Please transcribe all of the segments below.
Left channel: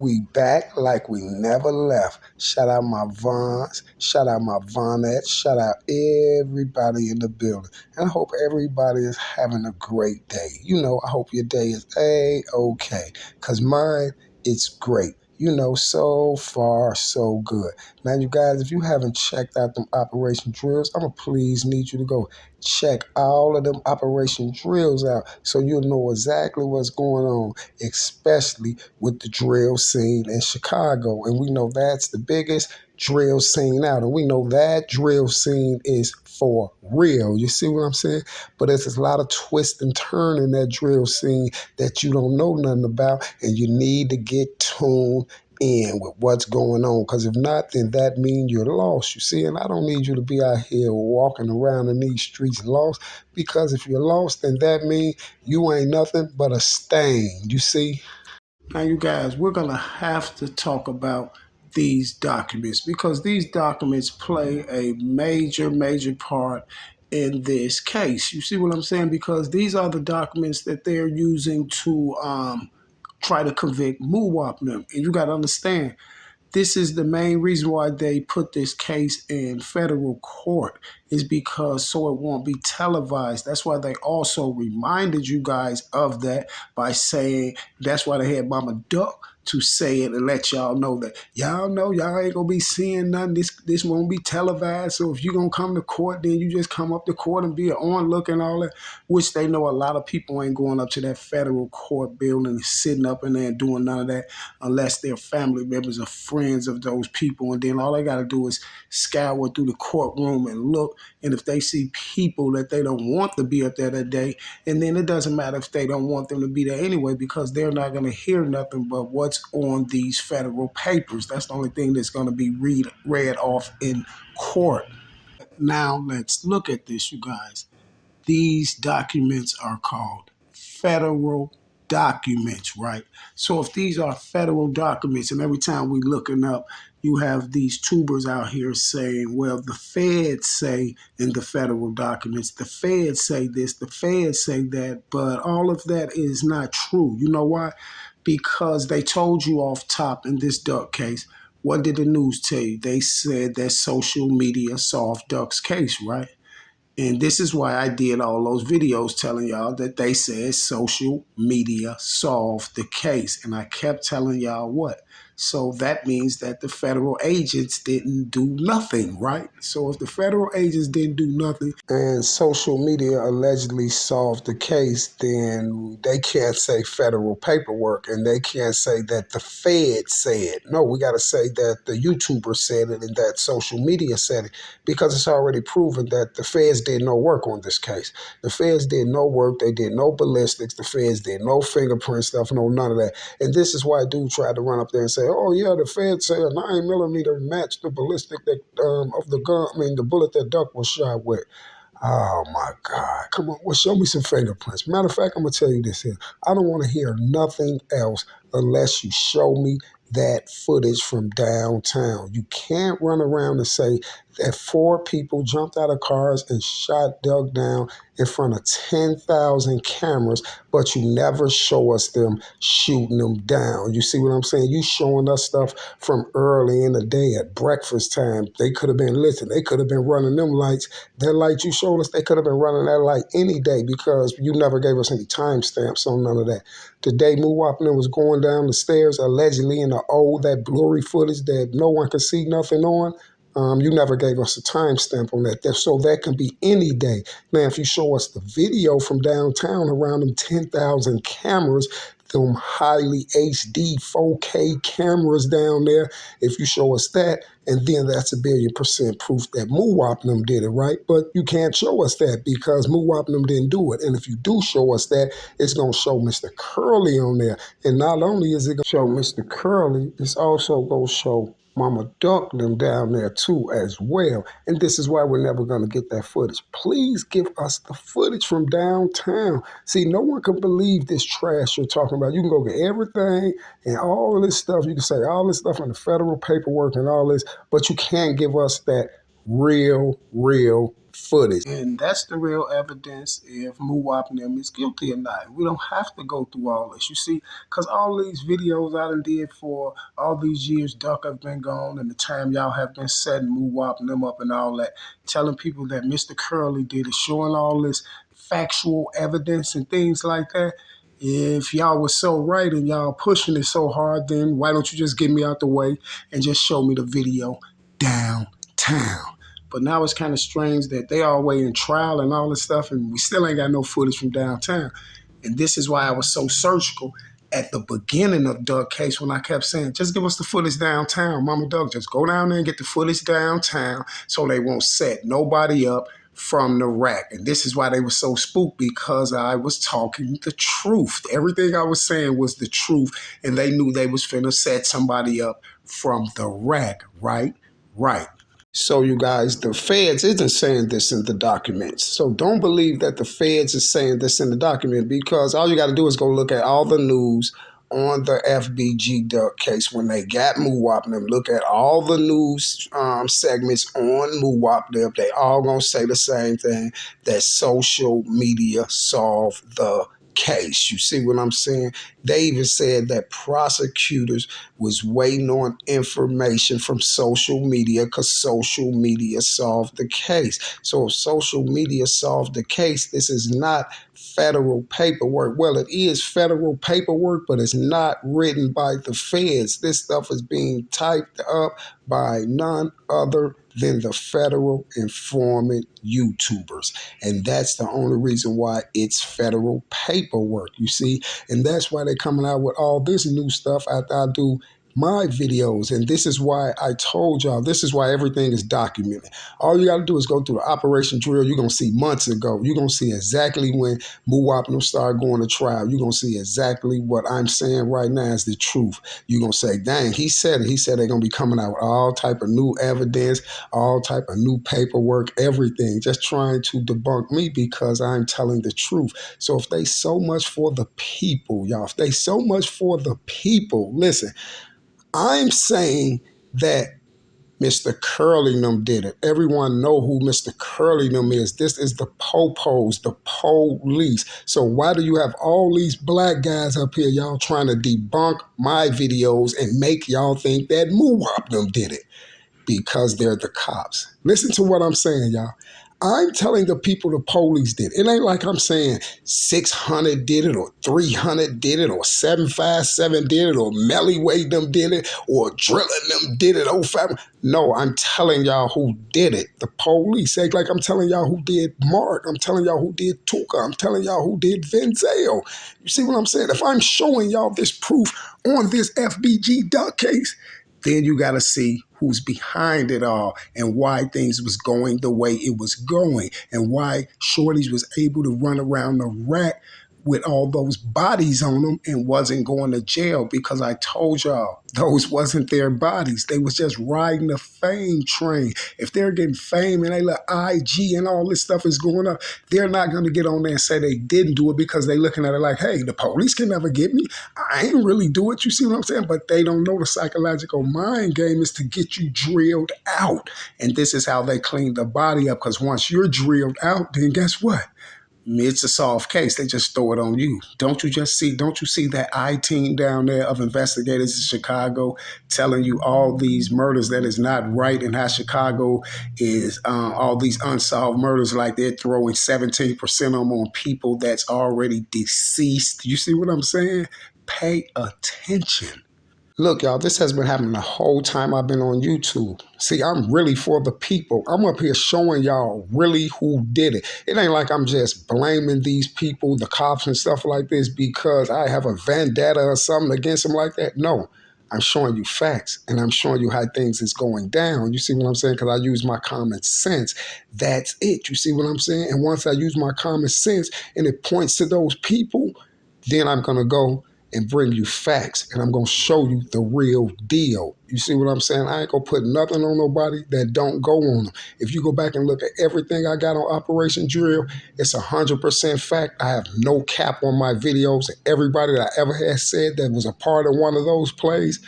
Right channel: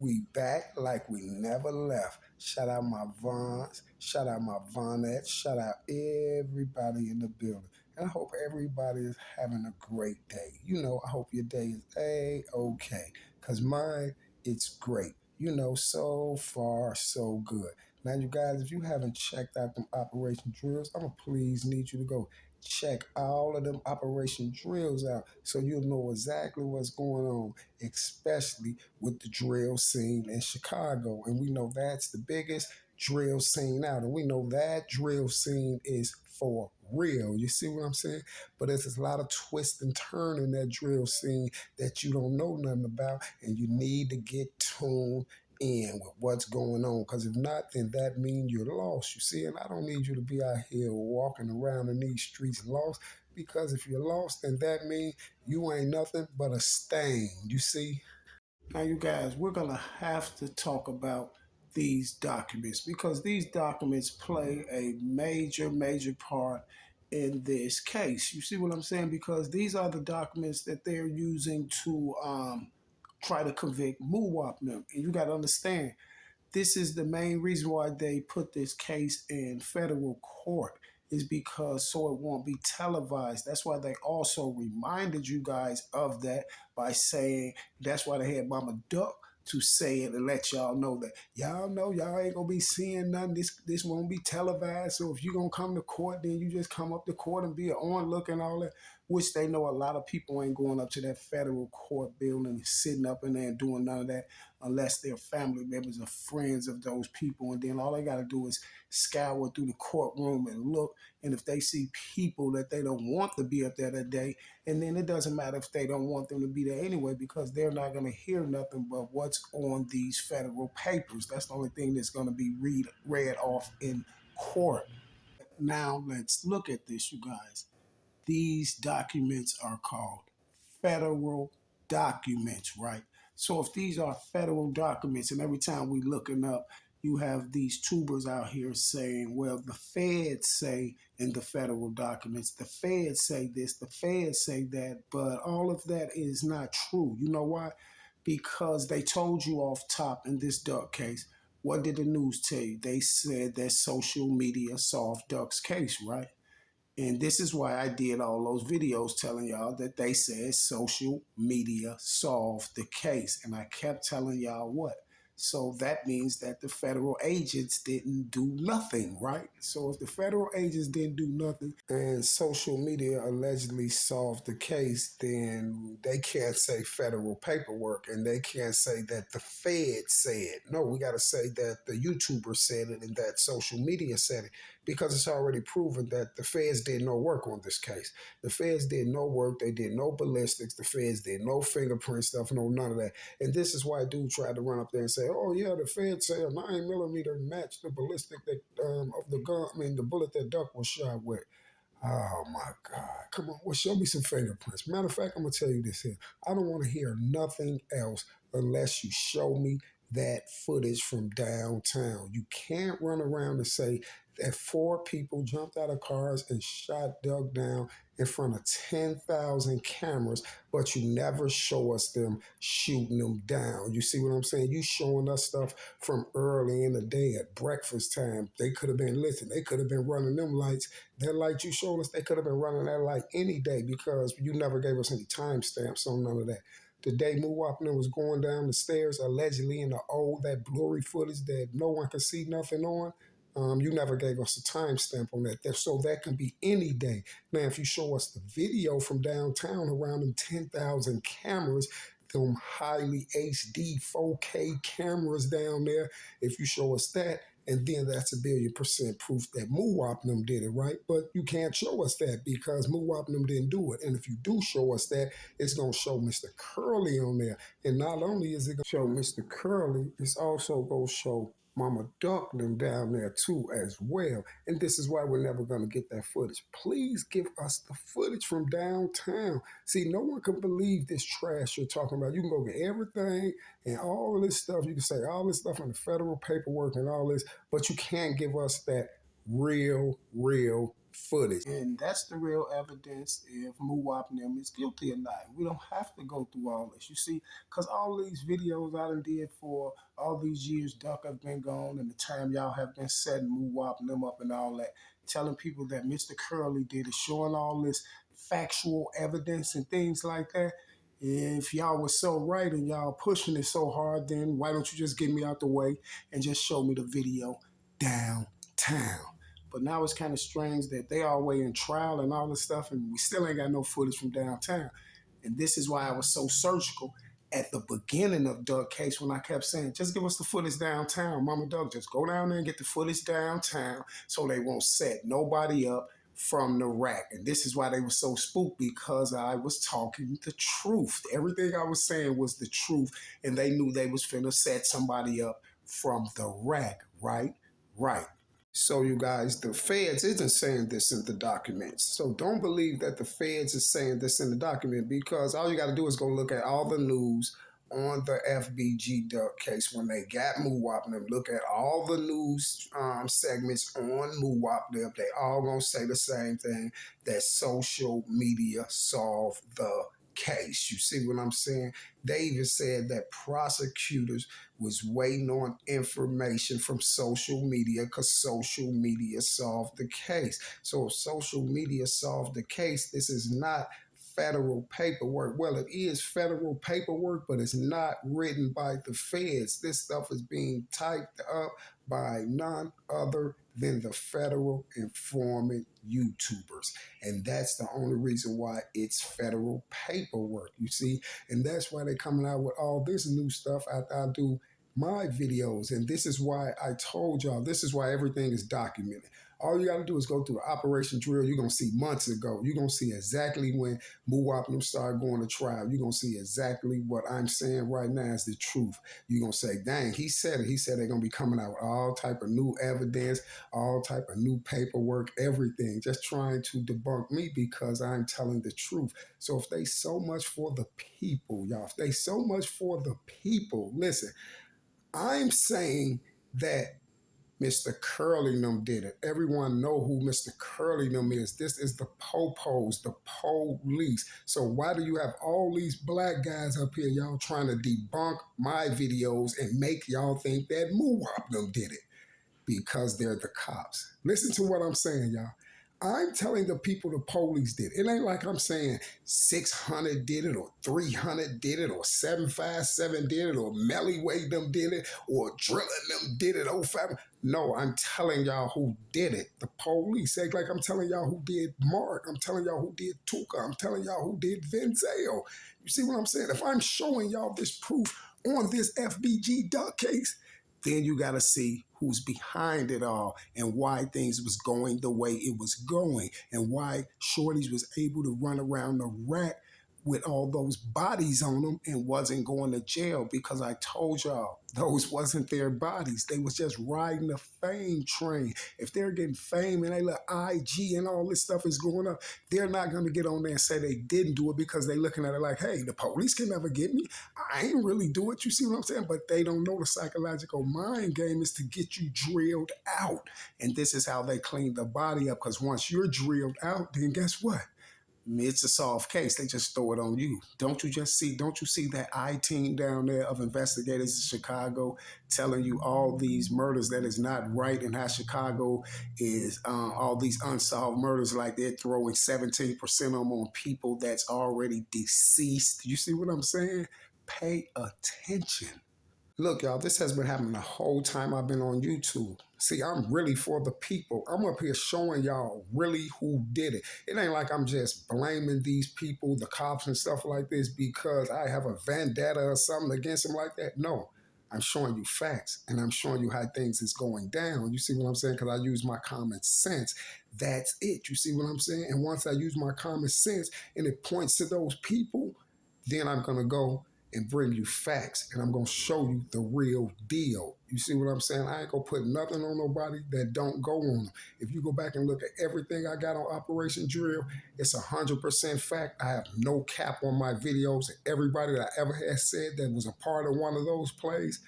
We back like we never left. Shout out my Vons, shout out my Vonettes, shout out everybody in the building. And I hope everybody is having a great day. I hope your day is A-okay. Because mine, it's great. So far, so good. Now, you guys, if you haven't checked out them operation drills, I'm going to please need you to go check all of them operation drills out so you'll know exactly what's going on, especially with the drill scene in Chicago. And we know that's the biggest drill scene out. And we know that drill scene is for real. You see what I'm saying? But there's a lot of twist and turn in that drill scene that you don't know nothing about, and you need to get tuned in with what's going on, because if not, then that means you're lost. You see, and I don't need you to be out here walking around in these streets lost, because if you're lost, then that means you ain't nothing but a stain. You see. Now, you guys, we're going to have to talk about these documents, because these documents play a major, major part in this case. You see what I'm saying? Because these are the documents that they're using to try to convict Muwop them. And you got to understand, this is the main reason why they put this case in federal court, is because so it won't be televised. That's why they also reminded you guys of that by saying, that's why they had Mama Duck to say it and let y'all know that y'all know y'all ain't gonna be seeing nothing. This won't be televised. So if you're gonna come to court, then you just come up to court and be an onlook and all that, which they know a lot of people ain't going up to that federal court building and sitting up in there and doing none of that unless they're family members or friends of those people. And then all they gotta do is scour through the courtroom and look. And if they see people that they don't want to be up there that day, and then it doesn't matter if they don't want them to be there anyway, because they're not going to hear nothing but what's on these federal papers. That's the only thing that's going to be read off in court. Now let's look at this, you guys. These documents are called federal documents, right? So if these are federal documents, and every time we looking up, you have these tubers out here saying, well, the feds say in the federal documents, the feds say this, the feds say that, but all of that is not true. You know why? Because they told you off top in this Duck case. What did the news tell you? They said that social media solved Duck's case, right? And this is why I did all those videos telling y'all that they said social media solved the case. And I kept telling y'all what? So that means that the federal agents didn't do nothing, right? So if the federal agents didn't do nothing and social media allegedly solved the case, then they can't say federal paperwork, and they can't say that the Fed said. No, we got to say that the YouTuber said it and that social media said it, because it's already proven that the feds did no work on this case. The feds did no work. They did no ballistics. The feds did no fingerprint stuff, no none of that. And this is why dude tried to run up there and say, oh, yeah, the feds say a 9mm matched the ballistic that of the gun, the bullet that Duck was shot with. Oh my God. Come on. Well, show me some fingerprints. Matter of fact, I'm going to tell you this here. I don't want to hear nothing else unless you show me that footage from downtown. You can't run around and say that 4 people jumped out of cars and shot Doug down in front of 10,000 cameras, but you never show us them shooting them down. You see what I'm saying? You showing us stuff from early in the day at breakfast time. They could have been, listen, they could have been running them lights. That light you showed us, they could have been running that light any day, because you never gave us any timestamps on none of that. The day Muwop was going down the stairs, allegedly in the that blurry footage that no one could see nothing on, you never gave us a timestamp on that. So that can be any day. Now, if you show us the video from downtown around them 10,000 cameras, them highly HD 4K cameras down there, if you show us that, and then that's 1,000,000,000% proof that Muwop did it, right? But you can't show us that because Muwop didn't do it. And if you do show us that, it's going to show Mr. Curly on there. And not only is it going to show Mr. Curly, it's also going to show Mama Duck down there too as well. And this is why we're never going to get that footage. Please give us the footage from downtown. See, no one can believe this trash you're talking about. You can go get everything and all of this stuff. You can say all this stuff in the federal paperwork and all this, but you can't give us that real footage. And that's the real evidence if Muwop and them is guilty or not. We don't have to go through all this, you see, because all these videos I done did for all these years Duck have been gone and the time y'all have been setting Muwop and them up and all that, telling people that Mr. Curly did it, showing all this factual evidence and things like that. If y'all was so right and y'all pushing it so hard, then why don't you just get me out the way and just show me the video downtown? But now it's kind of strange that they all way in trial and all this stuff, and we still ain't got no footage from downtown. And this is why I was so surgical at the beginning of Doug's case when I kept saying, just give us the footage downtown. Mama Doug, just go down there and get the footage downtown so they won't set nobody up from the rack. And this is why they were so spooked, because I was talking the truth. Everything I was saying was the truth, and they knew they was finna set somebody up from the rack, right? Right. So you guys, the feds isn't saying this in the documents. So don't believe that the feds is saying this in the document, because all you got to do is go look at all the news on the FBG Duck case when they got Muwop and them. Look at all the news segments on Muwop. They all gonna say the same thing, that social media solved the case. You see what I'm saying? They even said that prosecutors was waiting on information from social media because social media solved the case. So if social media solved the case, this is not federal paperwork. Well, it is federal paperwork, but it's not written by the feds. This stuff is being typed up by none other than the federal informant YouTubers. And that's the only reason why it's federal paperwork, you see? And that's why they're coming out with all this new stuff after I do my videos. And this is why I told y'all, this is why everything is documented. All you got to do is go through the Operation Drill. You're going to see months ago. You're going to see exactly when Muwop and them started going to trial. You're going to see exactly what I'm saying right now is the truth. You're going to say, dang, he said it. He said they're going to be coming out with all type of new evidence, all type of new paperwork, everything, just trying to debunk me because I'm telling the truth. So if they so much for the people, y'all, if they so much for the people, listen, I'm saying that Mr. Curlingham did it. Everyone know who Mr. Curlingham is. This is the popos, the police. So why do you have all these black guys up here, y'all, trying to debunk my videos and make y'all think that Muwop did it? Because they're the cops. Listen to what I'm saying, y'all. I'm telling the people the police did. It ain't like I'm saying 600 did it or 300 did it or 757 did it or Melly Wade them did it or Drilling them did it. 05. No, I'm telling y'all who did it. The police. Act like I'm telling y'all who did Mark. I'm telling y'all who did Tuka. I'm telling y'all who did Venzel. You see what I'm saying? If I'm showing y'all this proof on this FBG Duck case, then you got to see who's behind it all and why things was going the way it was going and why Shorties was able to run around the rack with all those bodies on them and wasn't going to jail, because I told y'all those wasn't their bodies. They was just riding the fame train. If they're getting fame and they let IG and all this stuff is going up, they're not going to get on there and say they didn't do it, because they looking at it like, hey, the police can never get me. I ain't really do it. You see what I'm saying? But they don't know the psychological mind game is to get you drilled out. And this is how they clean the body up, because once you're drilled out, then guess what? It's a solved case. They just throw it on you. Don't you see that I-team down there of investigators in Chicago telling you all these murders that is not right, and how Chicago is all these unsolved murders, like they're throwing 17% of them on people that's already deceased. You see what I'm saying? Pay attention. Look, y'all, this has been happening the whole time I've been on YouTube. See, I'm really for the people. I'm up here showing y'all really who did it. It ain't like I'm just blaming these people, the cops and stuff like this, because I have a vendetta or something against them like that. No, I'm showing you facts, and I'm showing you how things is going down. You see what I'm saying? Because I use my common sense. That's it. You see what I'm saying? And once I use my common sense and it points to those people, then I'm going to go and bring you facts, and I'm going to show you the real deal. You see what I'm saying? I ain't going to put nothing on nobody that don't go on them. If you go back and look at everything I got on Operation Drill, it's 100% fact. I have no cap on my videos. Everybody that I ever had said that was a part of one of those plays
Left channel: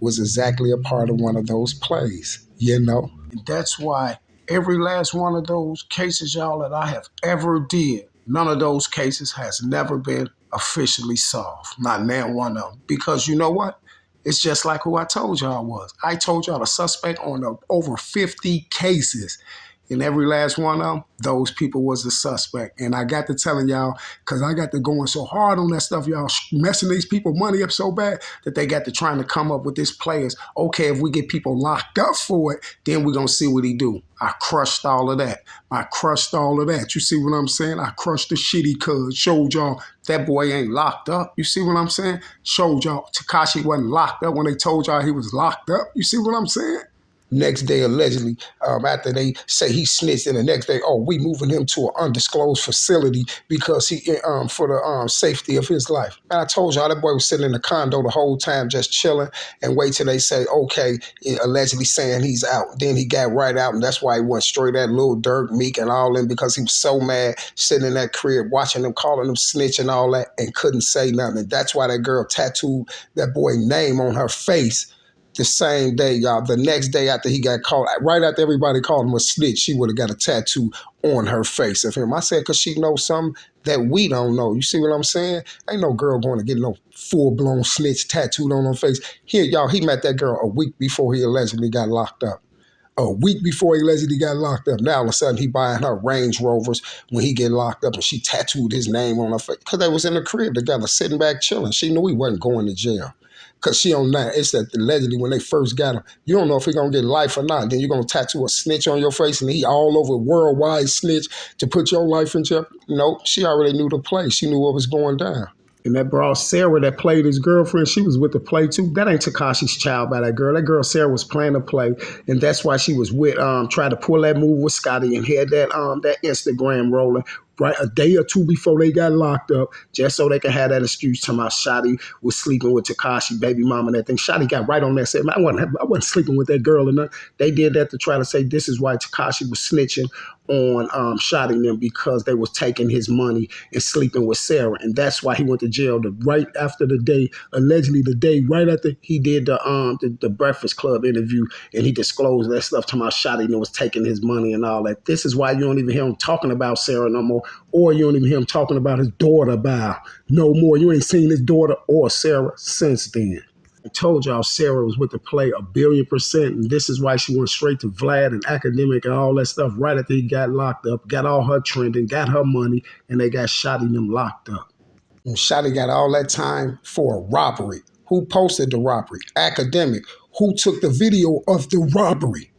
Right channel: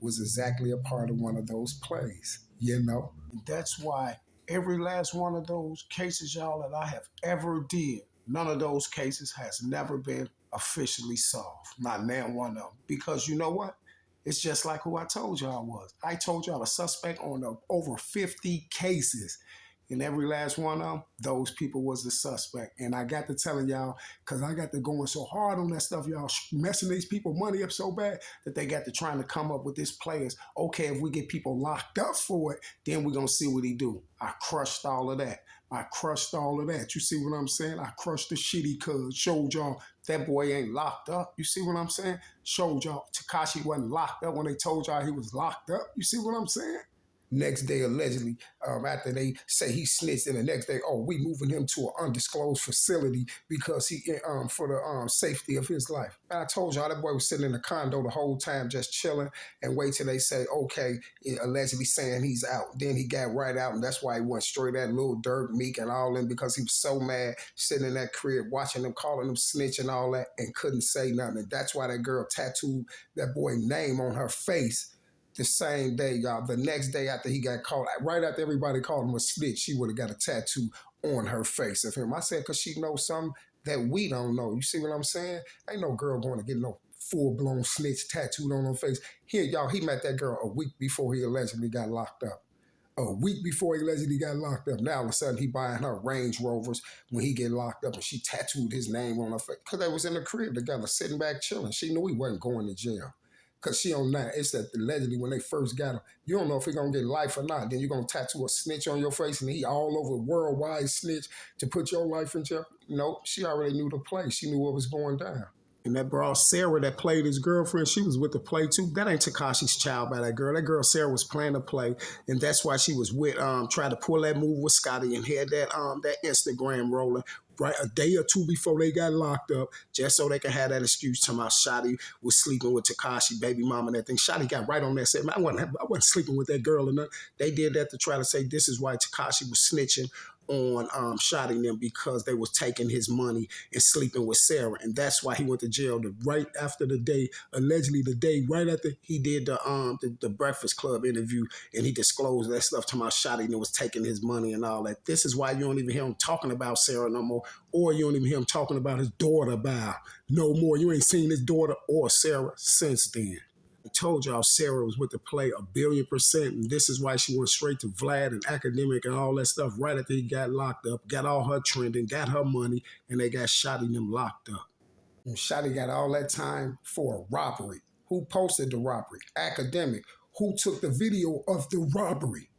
was exactly a part of one of those plays, you know? And that's why Every last one of those cases, y'all, that I have ever did, none of those cases has never been officially solved. Not now one of them. Because you know what? It's just like who I told y'all was. I told y'all the suspect on the over 50 cases. And every last one of them, those people was the suspect. And I got to telling y'all, because I got to going so hard on that stuff, y'all messing these people money up so bad that they got to trying to come up with this players. Okay, if we get people locked up for it, then we're going to see what he do. I crushed all of that. I crushed all of that. You see what I'm saying? I crushed the shitty cuz. Showed y'all that boy ain't locked up. You see what I'm saying? Showed y'all Tekashi wasn't locked up when they told y'all he was locked up. You see what I'm saying? Next day, allegedly, after they say he snitched, and the next day, oh, we moving him to an undisclosed facility because he for the safety of his life. And I told y'all that boy was sitting in the condo the whole time, just chilling, and wait till they say, okay, allegedly saying he's out. Then he got right out, and that's why he went straight at Lil Durk, Meek, and all them, because he was so mad sitting in that crib watching them, calling them snitch and all that, and couldn't say nothing. And that's why that girl tattooed that boy's name on her face the same day, y'all. The next day after he got caught, right after everybody called him a snitch, she would have got a tattoo on her face of him. I said, because she knows something that we don't know. You see what I'm saying? Ain't no girl going to get no full-blown snitch tattooed on her face. Here, y'all, he met that girl a week before he allegedly got locked up. A week before he allegedly got locked up. Now all of a sudden he buying her Range Rovers when he get locked up, and she tattooed his name on her face because they was in the crib together, sitting back chilling. She knew he wasn't going to jail. Because she on that, it's that allegedly when they first got him, you don't know if he going to get life or not. Then you're going to tattoo a snitch on your face and he all over worldwide snitch to put your life in jeopardy. No, she already knew the play. She knew what was going down. And that bro Sarah that played his girlfriend, she was with the play too. That ain't Tekashi's child by that girl. That girl Sarah was playing the play, and that's why she was with trying to pull that move with Scotty and had that Instagram rolling right a day or two before they got locked up, just so they could have that excuse to my Shotty was sleeping with Tekashi, baby mama, and that thing. Shotty got right on that, said, man, I wasn't sleeping with that girl, and they did that to try to say this is why Tekashi was snitching on Shotty them, because they was taking his money and sleeping with Sarah, and that's why he went to jail right after the day, allegedly the day right after he did the Breakfast Club interview, and he disclosed that stuff to my Shotty and was taking his money and all that. This is why you don't even hear him talking about Sarah no more, or you don't even hear him talking about his daughter no more. You ain't seen his daughter or Sarah since then. I told y'all Sarah was with the play 1,000,000,000%, and this is why she went straight to Vlad and Academic and all that stuff right after he got locked up, got all her trending, got her money, and they got Shotty them locked up. And Shotty got all that time for a robbery. Who posted the robbery? Academic. Who took the video of the robbery?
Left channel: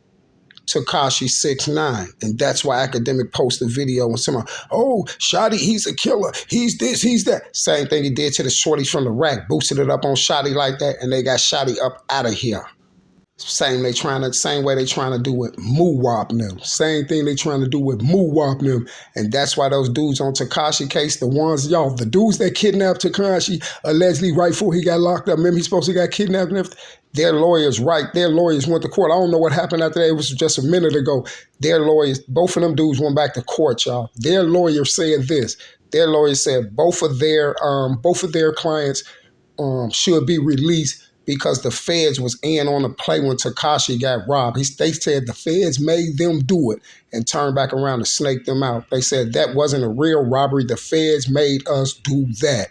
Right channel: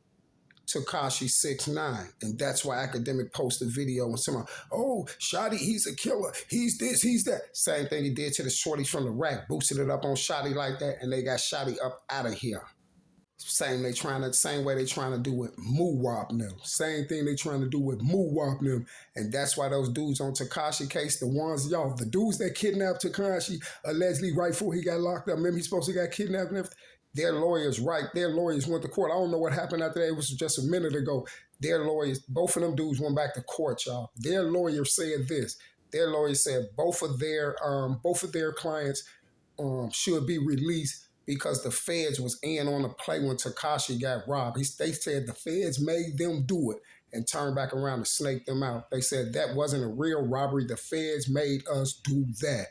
Tekashi 6ix9ine, and that's why Academic posted a video and someone, oh, Shotty, he's a killer, he's this, he's that. Same thing he did to the shorties from the rack, boosted it up on Shotty like that, and they got Shotty up out of here. Same way they trying to do with Muwop them. Same thing they trying to do with Muwop them. And that's why those dudes on Tekashi case, the dudes that kidnapped Tekashi allegedly right before he got locked up. Remember he supposed to got kidnapped and everything? Their lawyers went to court. I don't know what happened after that. It was just a minute ago. Their lawyers, both of them dudes went back to court, y'all. Their lawyer said this. Their lawyer said both of their clients should be released because the feds was in on the play when Tekashi got robbed. They said the feds made them do it and turned back around to snake them out. They said that wasn't a real robbery. The feds made us do that.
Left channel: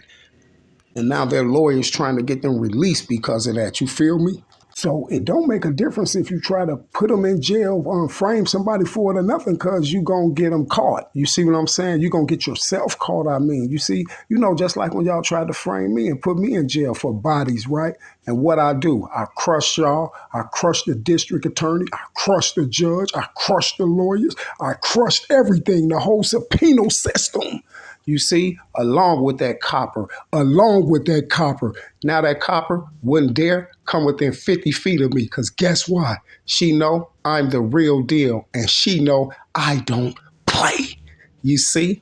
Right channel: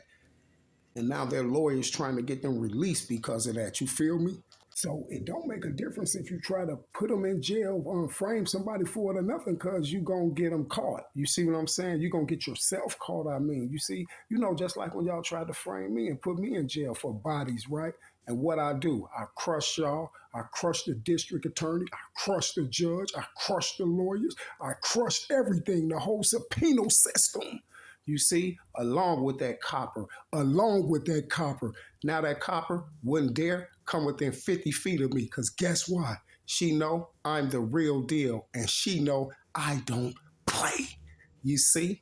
And now their lawyers trying to get them released because of that. You feel me? So it don't make a difference if you try to put them in jail, frame somebody for it or nothing, because you going to get them caught. You see what I'm saying? You going to get yourself caught, I mean. You see, just like when y'all tried to frame me and put me in jail for bodies, right? And what I do, I crush y'all. I crush the district attorney. I crush the judge. I crush the lawyers. I crushed everything, the whole subpoena system. You see, along with that copper. Now that copper wouldn't dare come within 50 feet of me, because guess what? She know I'm the real deal, and she know I don't play. You see?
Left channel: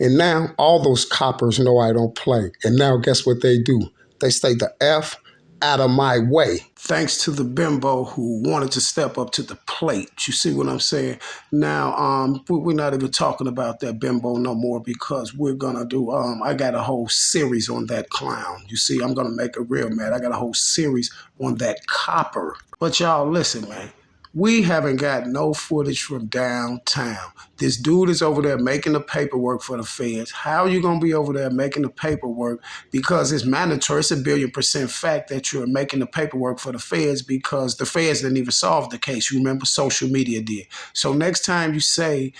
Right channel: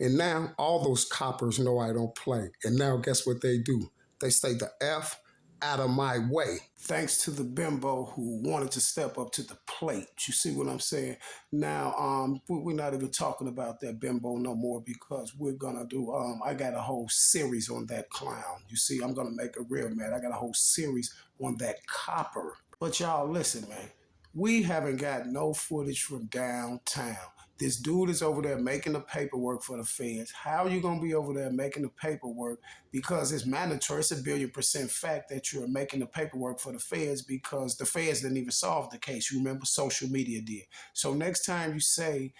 And now all those coppers know I don't play. And now guess what they do? They stay the F out of my way. Thanks to the bimbo who wanted to step up to the plate. You see what I'm saying? Now, we're not even talking about that bimbo no more, because we're gonna do, I got a whole series on that clown. You see, I'm gonna make it real mad. I got a whole series on that copper. But y'all listen, man. We haven't got no footage from downtown. This dude is over there making the paperwork for the feds. How are you going to be over there making the paperwork? Because it's mandatory. It's a billion% fact that you're making the paperwork for the feds because the feds didn't even solve the case. You remember social media did. So next time you say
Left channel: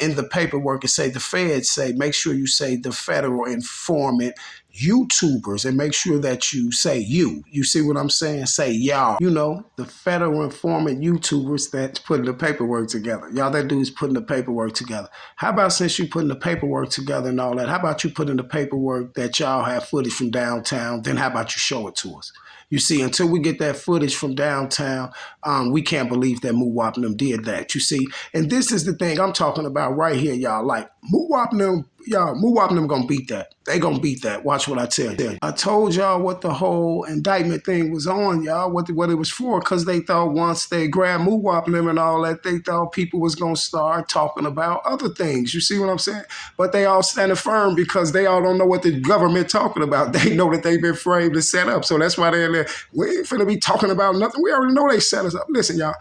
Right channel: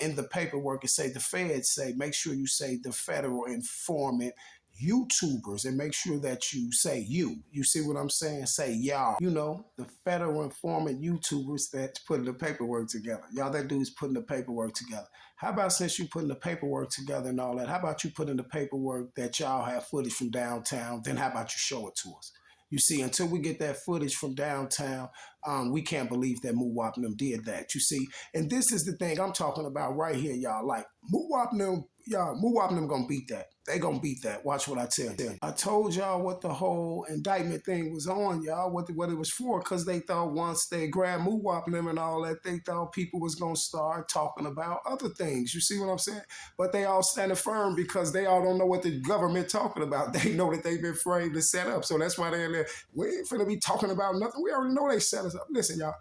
in the paperwork and say the feds say, make sure you say the federal informant YouTubers and make sure that you say you. You see what I'm saying? Say y'all. You know, the federal informant YouTubers that's putting the paperwork together. Y'all that dude's putting the paperwork together. How about since you putting the paperwork together and all that, how about you put in the paperwork that y'all have footage from downtown? Then how about you show it to us? You see, until we get that footage from downtown, we can't believe that Muwop and them did that. You see, and this is the thing I'm talking about right here, y'all. Like Muwop and them, y'all, Muwop and them gonna beat that. They gonna beat that. Watch what I tell you. I told y'all what the whole indictment thing was on, y'all. What it was for, because they thought once they grabbed Muwop and them and all that, they thought people was gonna start talking about other things. You see what I'm saying? But they all standing firm because they all don't know what the government talking about. They know that they've been framed and set up. So that's why they're there. We ain't finna be talking about nothing. We already know they set us up. Listen, y'all.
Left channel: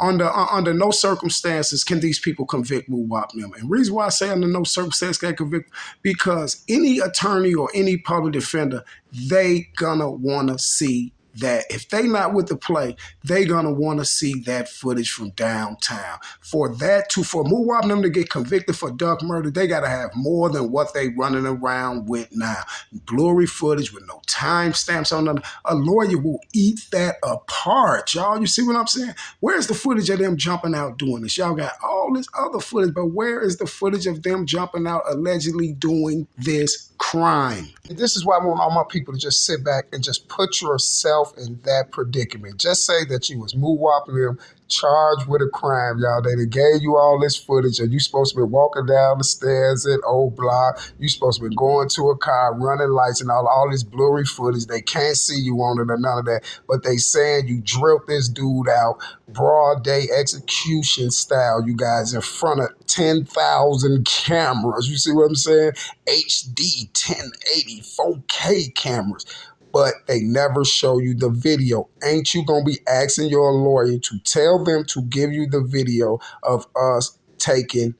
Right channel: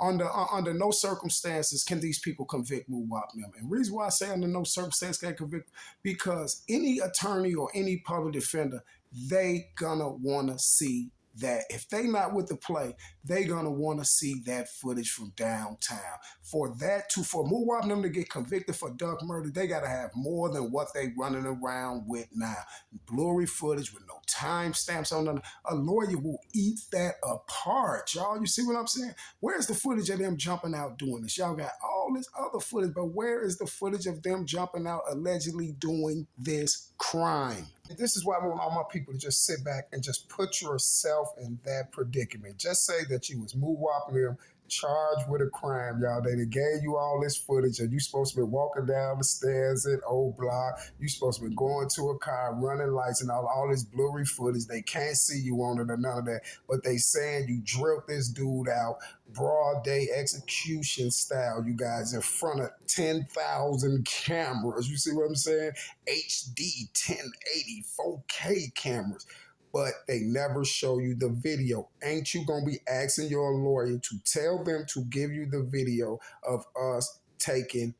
Under no circumstances can these people convict Muwop them. And the reason why I say under no circumstances can they convict, because any attorney or any public defender, they gonna wanna see that if they not with the play, they gonna want to see that footage from downtown. For Muwop them to get convicted for duck murder, they gotta have more than what they running around with now. Blurry footage with no timestamps on them. A lawyer will eat that apart, y'all. You see what I'm saying? Where's the footage of them jumping out doing this? Y'all got all this other footage, but where is the footage of them jumping out allegedly doing this crime? This is why I want all my people to just sit back and just put yourself in that predicament. Just say that you was Muwop them, charged with a crime, y'all. They gave you all this footage, and you supposed to be walking down the stairs at Oblock. You supposed to be going to a car, running lights, and all this blurry footage. They can't see you on it or none of that. But they saying you drilled this dude out, broad day execution style, you guys, in front of 10,000 cameras. You see what I'm saying? HD, 1080, 4K cameras. But they never show you the video. Ain't you gonna be asking your lawyer to tell them to give you the video of us taking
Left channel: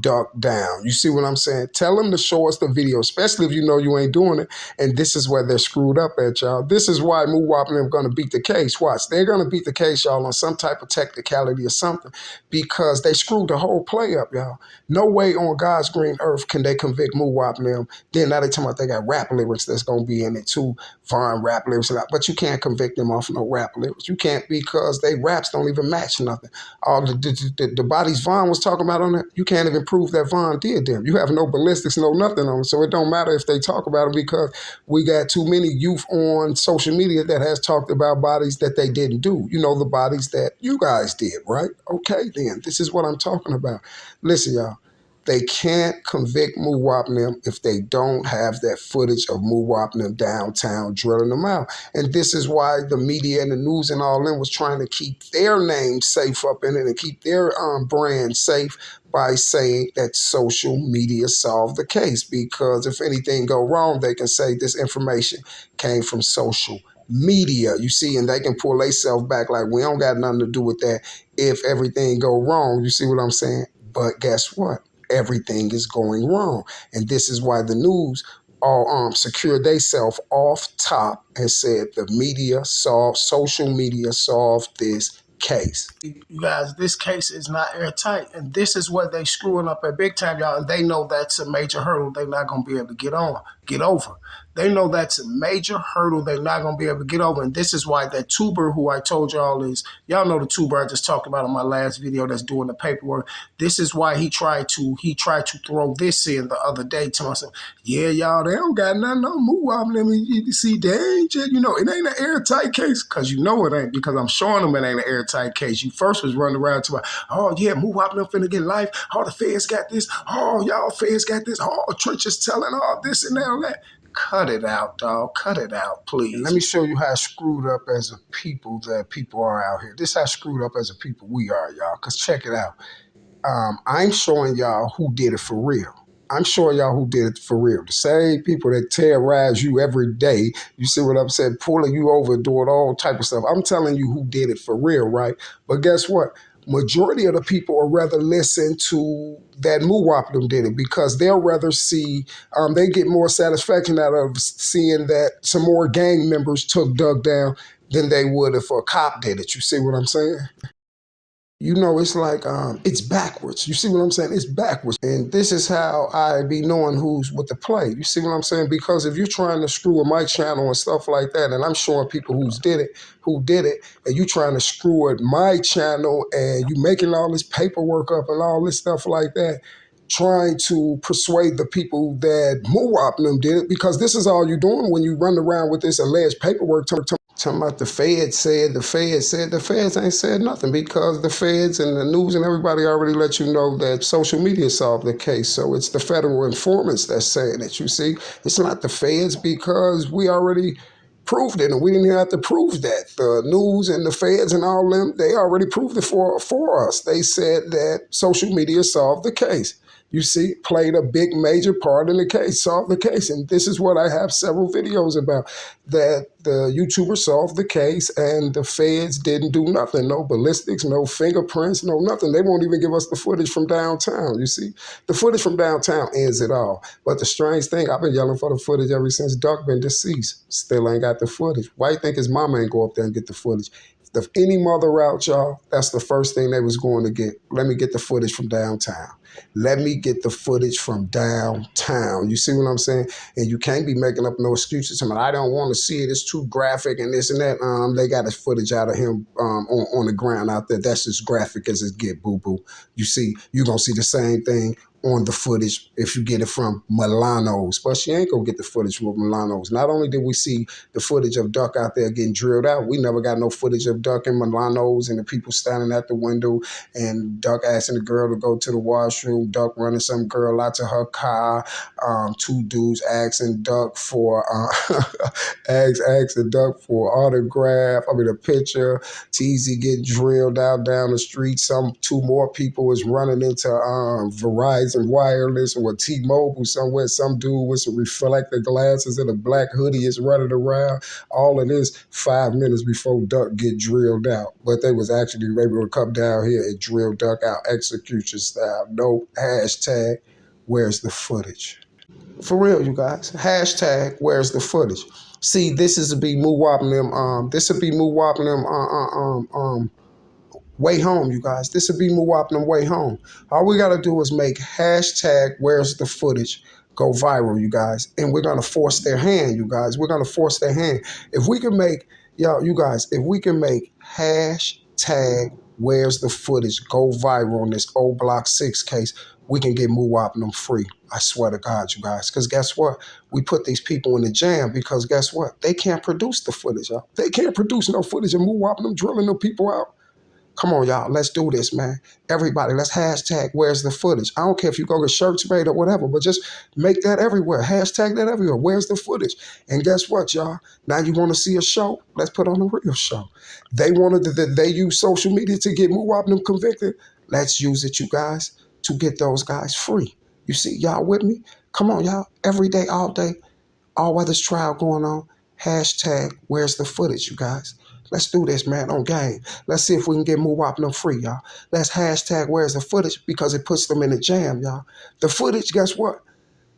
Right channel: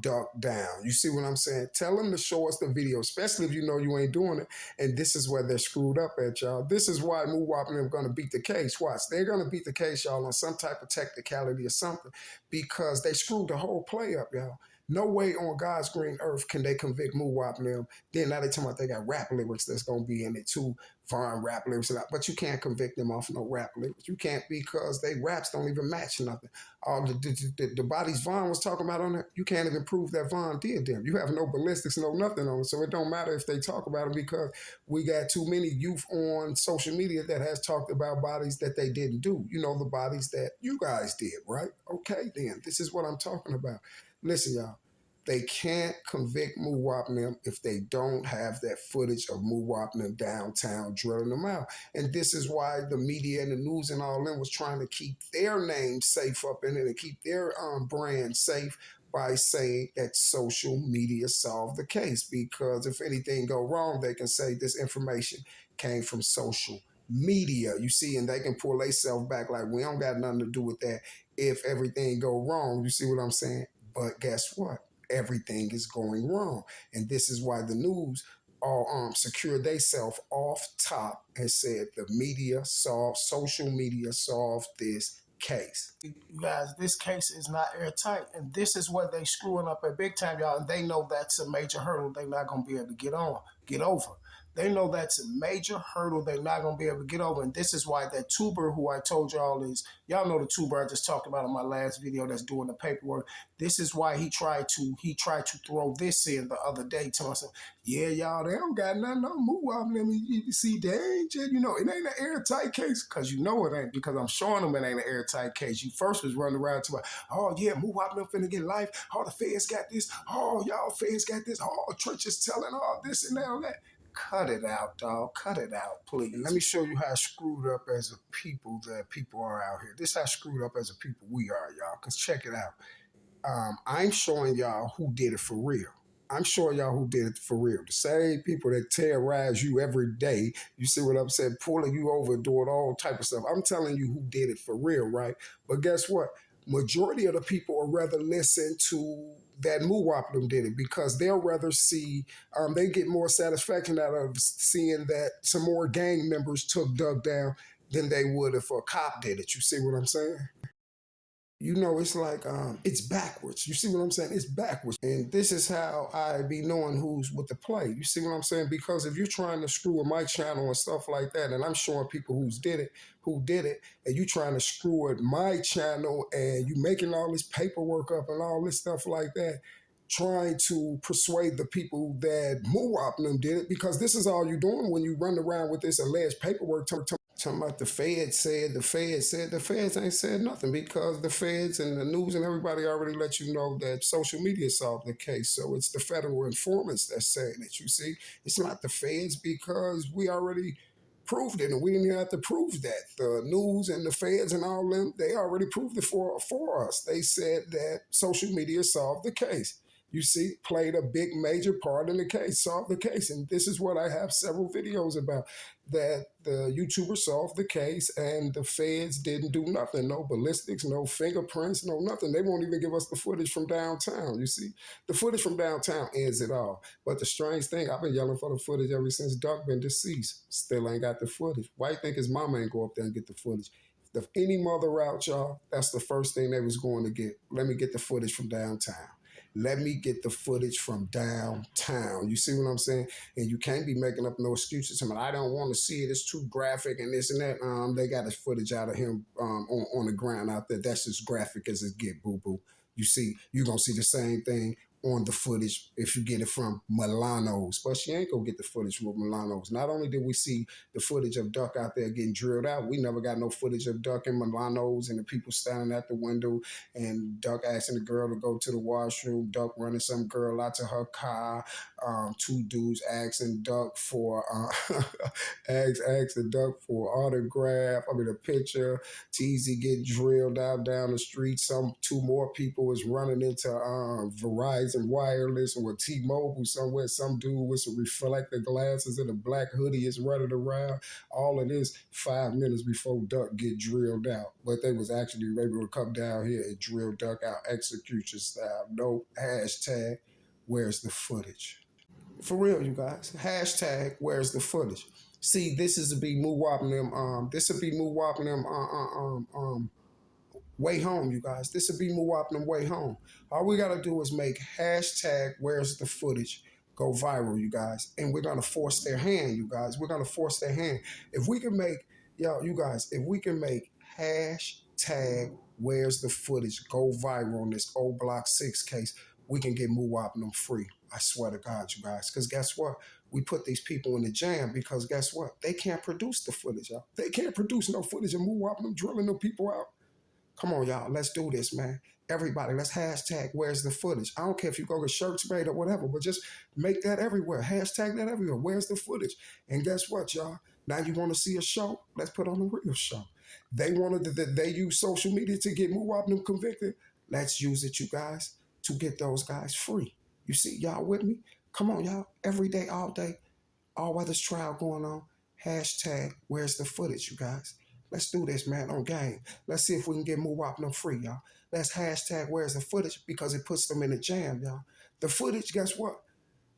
Duck down? You see what I'm saying? Tell them to show us the video, especially if you know you ain't doing it. And this is where they're screwed up at, y'all. This is why Muwop and them gonna beat the case. Watch, they're gonna beat the case, y'all, on some type of technicality or something, because they screwed the whole play up, y'all. No way on God's green earth can they convict Muwop and them. Then now they talking about they got rap lyrics that's gonna be in it too, foreign rap lyrics, but you can't convict them off no rap lyrics. You can't, because they raps don't even match nothing. All the bodies Vaughn was talking about on it, you can't even prove that Vaughn did them. You have no ballistics, no nothing on it. So it don't matter if they talk about it, because we got too many youth on social media that has talked about bodies that they didn't do. You know, the bodies that you guys did, right? Okay, then. This is what I'm talking about. Listen, y'all. They can't convict Muwop and them if they don't have that footage of Muwop and them downtown drilling them out. And this is why the media and the news and all them was trying to keep their name safe up in it and keep their brand safe by saying that social media solved the case. Because if anything go wrong, they can say this information came from social media, you see, and they can pull themselves back like we don't got nothing to do with that if everything go wrong. You see what I'm saying? But guess what? Everything is going wrong. And this is why the news all secured themselves off top and said the social media solved this case. You guys, this case is not airtight, and this is what they screwing up at big time, y'all. And they know that's a major hurdle they're not gonna be able to get over. They know that's a major hurdle they're not gonna be able to get over, and this is why that tuber who I told y'all is, y'all know the tuber I just talked about in my last video that's doing the paperwork. This is why he tried to throw this in the other day to myself. Yeah, y'all, they don't got nothing on Muwop. Let me you see, they ain't just, it ain't an airtight case, because you know it ain't, because I'm showing them it ain't an airtight case. You first was running around to, oh yeah, Muwop them finna get life. Oh, the feds got this. Oh, y'all feds got this. Oh, Trench is telling all this and all that. Cut it out, dog. Cut it out, please. And let me show you how screwed up as a people that people are out here. This is how screwed up as a people we are, y'all. Because check it out. I'm showing y'all who did it for real. I'm sure y'all who did it for real. The same people that terrorize you every day. You see what I'm saying? Pulling you over, doing all type of stuff. I'm telling you who did it for real, right? But guess what? Majority of the people will rather listen to that Muwop them did it because they'll rather see, they get more satisfaction out of seeing that some more gang members took Doug down than they would if a cop did it. You see what I'm saying? You know, it's like it's backwards. You see what I'm saying? It's backwards. And this is how I be knowing who's with the play. You see what I'm saying? Because if you're trying to screw with my channel and stuff like that, and I'm showing people who did it, and you trying to screw at my channel and you making all this paperwork up and all this stuff like that, trying to persuade the people that Muwop them did it, because this is all you're doing when you run around with this alleged paperwork talking about the feds said, the feds said, the feds ain't said nothing because the feds and the news and everybody already let you know that social media solved the case. So it's the federal informants that's saying it, you see. It's not the feds because we already proved it and we didn't even have to prove that. The news and the feds and all them, they already proved it for us. They said that social media solved the case. You see, played a big major part in the case, solved the case. And this is what I have several videos about, that the YouTuber solved the case and the feds didn't do nothing. No ballistics, no fingerprints, no nothing. They won't even give us the footage from downtown, you see. The footage from downtown ends it all. But the strange thing, I've been yelling for the footage ever since Duck been deceased. Still ain't got the footage. Why you think his mama ain't go up there and get the footage? If any mother out, y'all, that's the first thing they was going to get. Let me get the footage from downtown. Let me get the footage from downtown. You see what I'm saying? And you can't be making up no excuses. I mean, I don't want to see it. It's too graphic and this and that. They got the footage out of him on the ground out there. That's as graphic as it get, boo-boo. You see, you're going to see the same thing on the footage if you get it from Milano's. But she ain't going to get the footage from Milano's. Not only did we see the footage of Duck out there getting drilled out, we never got no footage of Duck and Milano's and the people standing at the window and Duck asking the girl to go to the washroom, Duck running some girl out to her car, two dudes asking Duck for asking Duck for autograph, a picture, TZ getting drilled out down the street. Two more people was running into Verizon Wireless or T-Mobile somewhere. Some dude with some reflective glasses and a black hoodie is running around. All of this 5 minutes before Duck get drilled out. But they was actually able to come down here and drill Duck out execution style. No hashtag, where's the footage? For real, you guys. Hashtag, where's the footage? See, this is to be Muwop them. This would be Muwop them. Way home, you guys. This would be Muwop them way home. All we gotta do is make hashtag where's the footage go viral, you guys. And we're gonna force their hand, you guys. We're gonna force their hand. If we can make, you guys, if we can make hashtag where's the footage go viral on this Oblock 6 case, we can get Muwop them free. I swear to God, you guys. Because guess what? We put these people in the jam because guess what? They can't produce the footage, y'all. They can't produce no footage of Muwop them drilling them people out. Come on, y'all. Let's do this, man. Everybody, let's hashtag where's the footage. I don't care if you go get shirts made or whatever, but just make that everywhere. Hashtag that everywhere. Where's the footage? And guess what, y'all? Now you want to see a show? Let's put on a real show. They use social media to get Muwop them convicted. Let's use it, you guys, to get those guys free. You see, y'all with me? Come on, y'all. Every day, all day, all weather's trial going on. Hashtag where's the footage, you guys? Let's do this, man, on game. Let's see if we can get Muwop them free, y'all. Let's hashtag where's the footage because it puts them in the jam, y'all. The footage, guess what?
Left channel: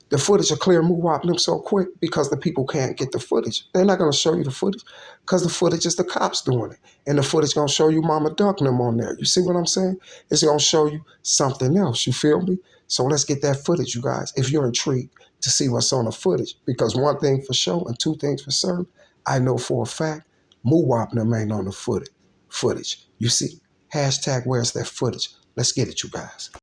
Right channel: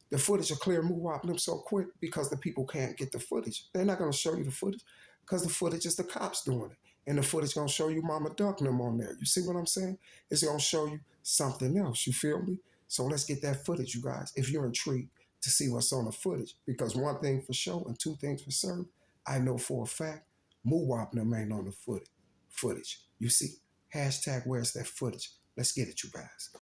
The footage will clear Muwop them so quick because the people can't get the footage. They're not going to show you the footage because the footage is the cops doing it. And the footage going to show you Mama Duck them on there. You see what I'm saying? It's going to show you something else. You feel me? So let's get that footage, you guys, if you're intrigued to see what's on the footage. Because one thing for sure and two things for certain, I know for a fact, Muwop them ain't on the footage. You see? Hashtag where's that footage? Let's get it, you guys.